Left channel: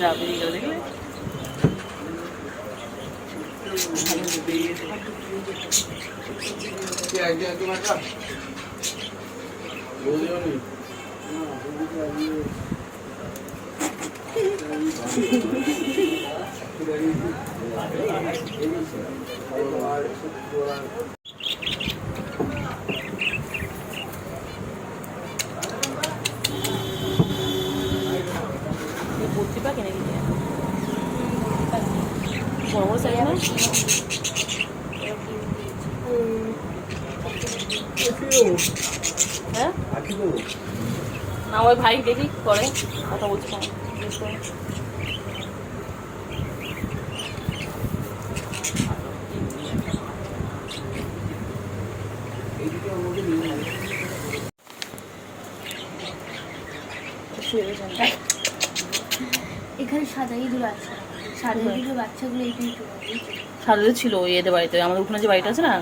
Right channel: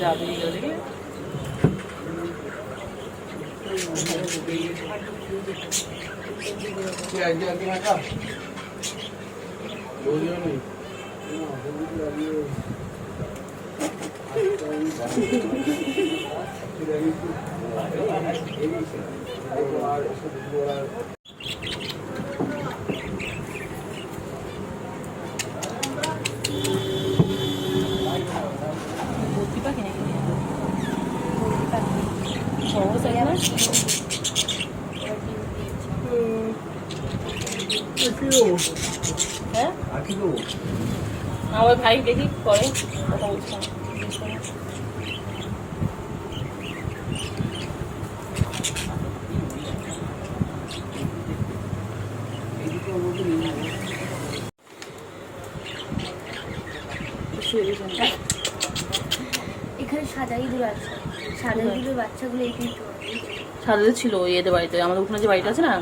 যা বেরিয়ে গেল দেখলে হ্যাঁ আমার ভাই দেখি পরে কথা বলছিলাম এখানে সাজাইগুলো আছে, সাজাইগুলো বাচ্চাগুলো এখানে সাদাদের ছিল ওই এদের বাড়িতে, আমাদের উঠোনে যে বাড়িটা আছে না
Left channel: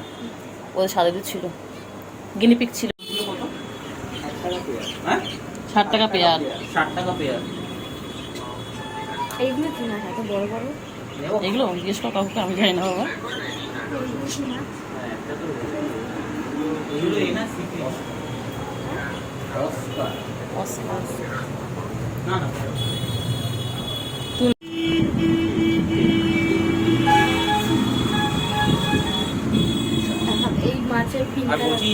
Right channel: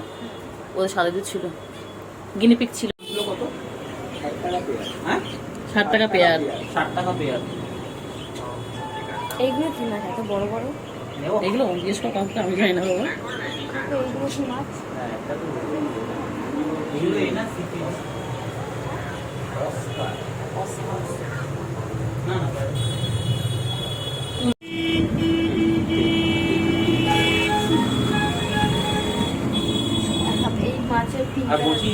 ওদের সাদাদের ছিল, গিনিপিক ছিল। 60 টাকা পেয়ার। 60 টাকা পেয়ার। এইগুলো কি মাছ এত বড় বড়? এগুলো জিজ্ঞেস কর কাউকে, আমি জানি না বাবা। এইগুলো কি মাছ? এই মাছের আর বলছি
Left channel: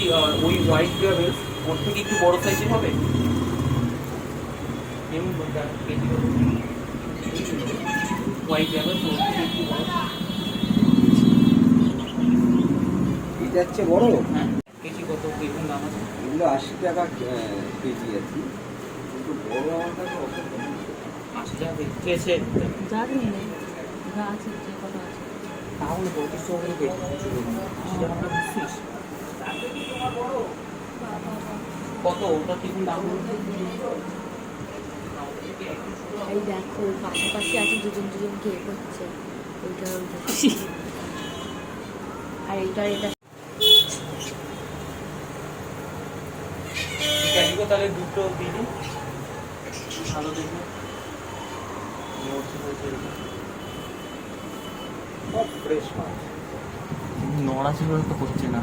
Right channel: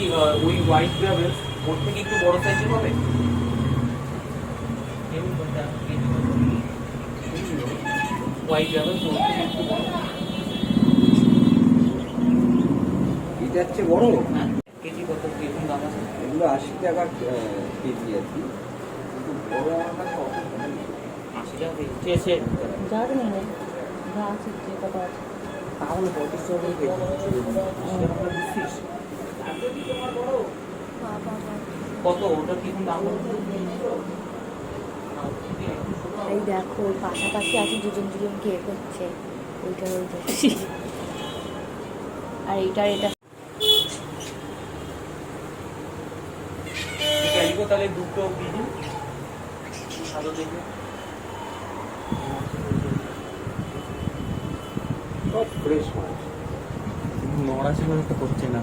ওই হোয়াইট গ্রাভেল ওর থেকে একটু বড় সাইজের হবে। হোয়াইট গ্রাভেল তো ওর থেকে একটু বড়। এটা হচ্ছে বড়। হ্যাঁ কেজি কত কিরকম দাম আছে? এগুলো 80 টাকা কেজি আছে, কিন্তু বড় আমার কাছে অত 80 টাকা ঠিক আছে। যা আছে নিয়ে নেই, যা আছে যে কত আছে তাহলে 35 টাকা করে কেজি। 80 টাকা বুঝছিস কত ওটা কিরকম দাম হবে? এই দেখো পাশাপাশি আছে দুজন দুজন কে করছে, ওইটা ওইটা আর এইটা এটা ক্যালিকো তাহলে দুটো দিয়ে দিন। আরো দিন সব ফ্রেশ মাছ। নোংরা ছিল তো করছে না।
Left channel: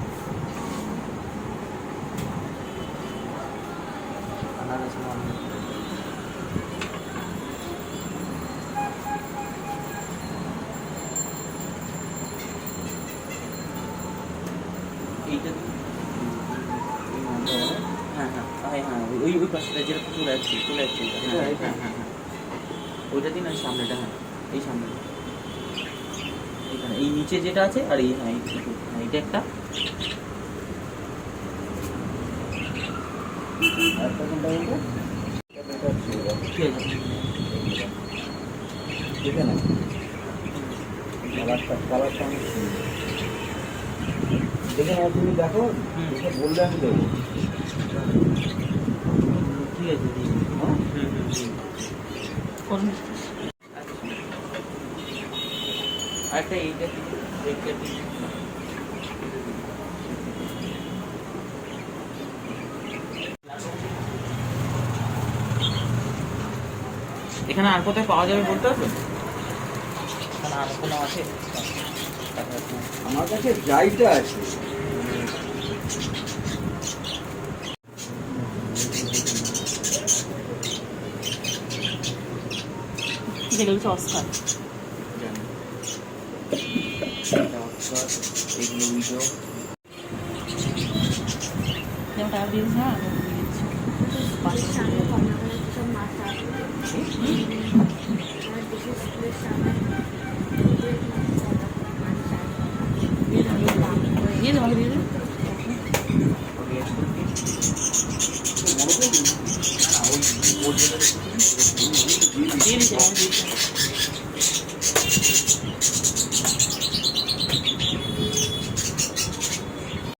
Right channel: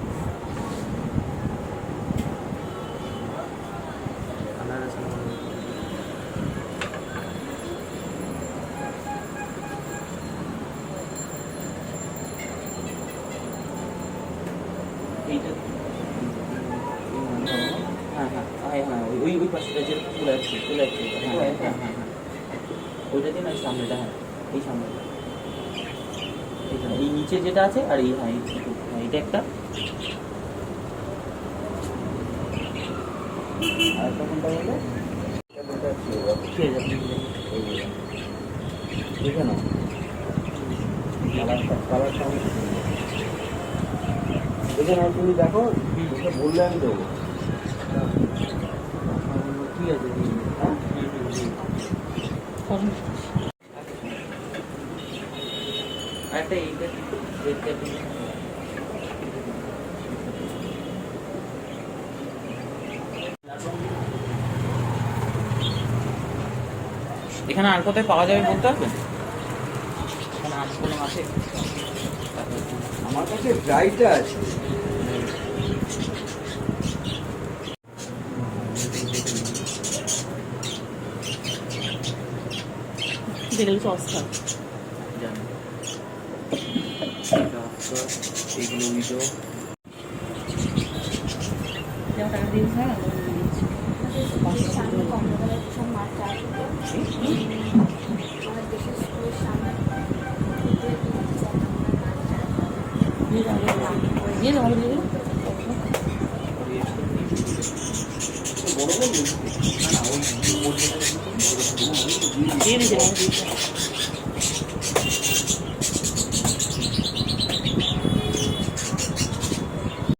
এইটা হ্যাঁ হ্যাঁ হ্যাঁ হ্যাঁ ওই ওই পাশটা যেরকম চলে আসছে হ্যাঁ হ্যাঁ হ্যাঁ ওইটা দিন আর সামনেটা, হ্যাঁ এই সামনেটা এইখানে এই নিচে যেটা আছে আর এই হ্যাঁ এই ছোটো হ্যাঁ এটা একটা আর কোনটা বলবো? ঠিক আছে দেখে নাও, কালারটা অনেক সুন্দর। দেখে নাও, তুমি দেখো, দেখে বললে আমি দেবো। ঠিক আছে দিন। হ্যাঁ আরেকটা এইটা এইটা এখানে আর কোথায় পাওয়া যাবে বলতে পারবেন? এখানে আর কোনো আছে? আমার কাছে ড্রাইটা আছে। যেগুলো অস্কার জানি এগুলো উইজো যেমন টাকা দিয়েছি। হ্যাঁ দেশের সামনে কমলা কালার সব মাছ আছে, আমার দেশের স্কুলের সামনে দিয়ে দেবো, দিয়ে দেবো, দিয়ে দেবো। দিয়ে দিয়েছে।